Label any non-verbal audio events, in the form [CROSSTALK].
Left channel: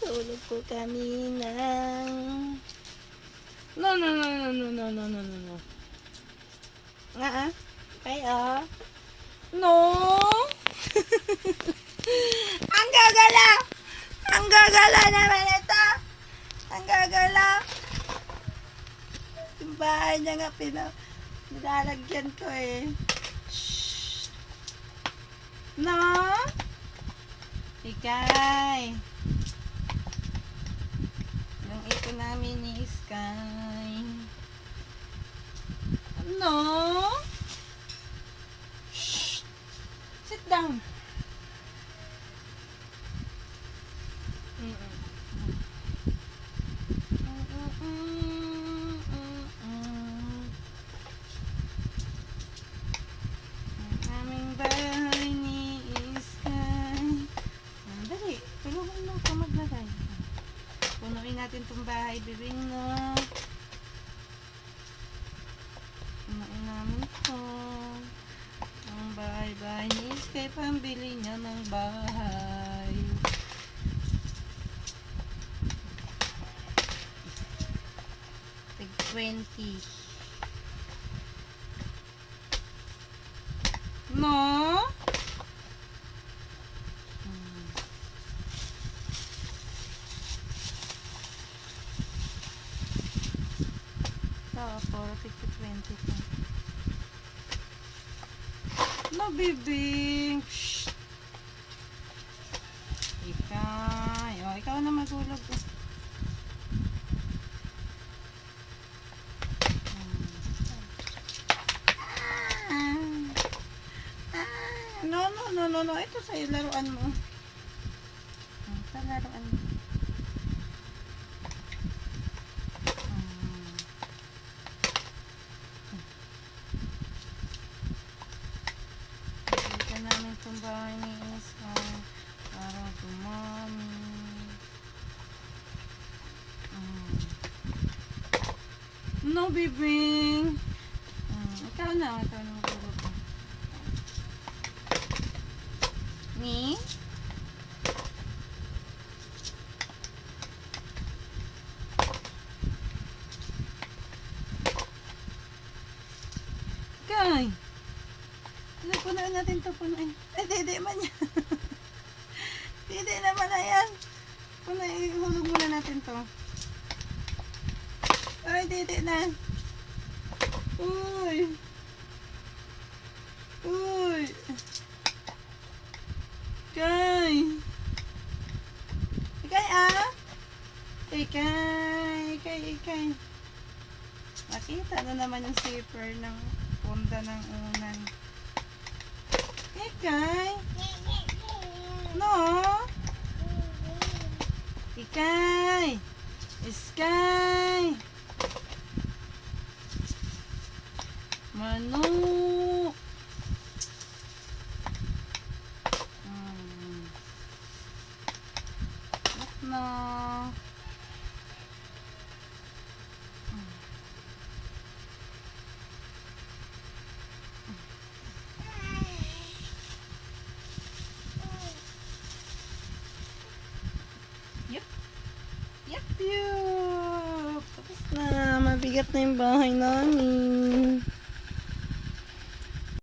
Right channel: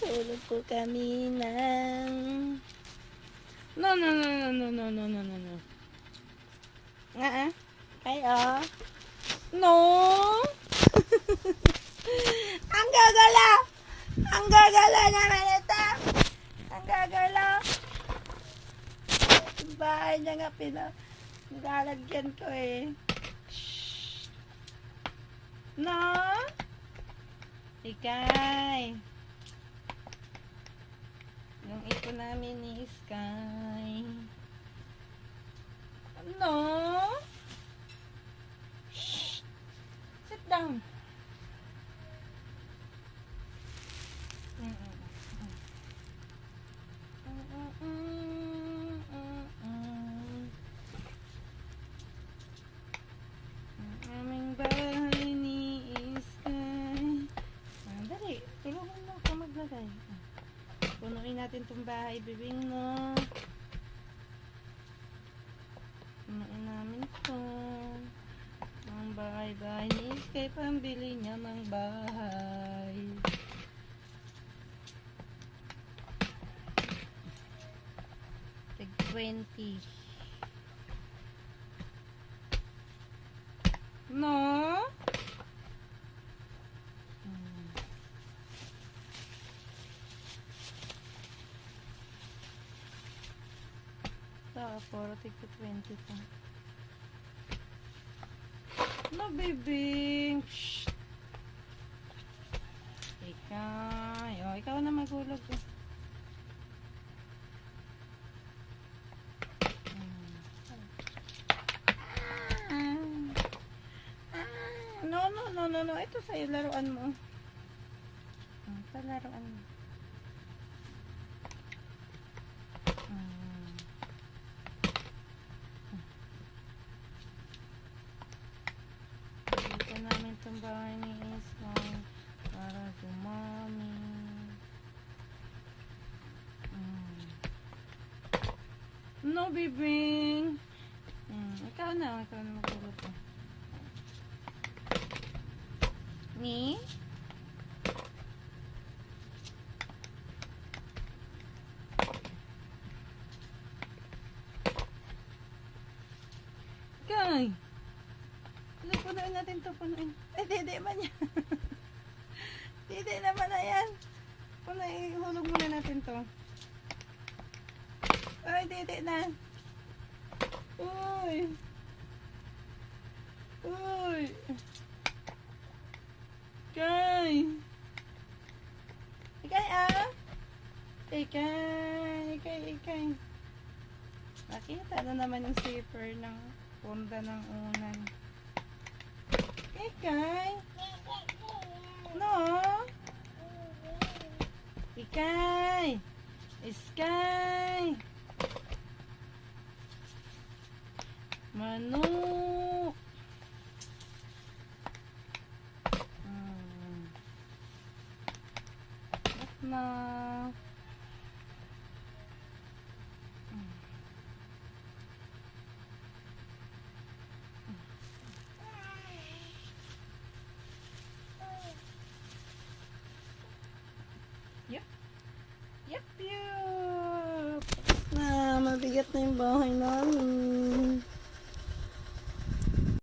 Tulog po kami ng... No, no, no, no, no, no, no, no, no, no. Nga ah. Ay, oh. No! [LAUGHS] Ang gagala! Ang gagala naman ito! Ang gagala! Yung bahay niya nga pina... Nilalagyan ko eh. Shh. No? Ikay. Ito namin ni Sky. No? Natin itong bahay, bibing no. Punuin namin to. Ang bahay-bahay ni Sky, pambili niya ng bahay. Tig 20. No? Ito, 40 to 20 po. Mabibing! Shhh! Ikay. O, ikaw na magulog. Hmm. Ah. Ah. No, no, no, no, no. Ito sa laruan mo. Ito laruan mo. mommy. Mm. No, bibing. Mm. Ikaw na, ikaw na magulog ko. Ni? Guy! Ano po na natin ito po na? Eh, hindi, hindi man yan. [LAUGHS] dede naman na yan. Punuin, hulog muna natin to. Ay, dede na. Uy! Uy! Kay! Ikay ah! Ikay! Ikay, ikay. Nakita na naman yung zipper ng punda ng unan. Ikay! No! Ikay! Iskay! Manok! Hmm. Ba't Mabigat na yung bahay namin.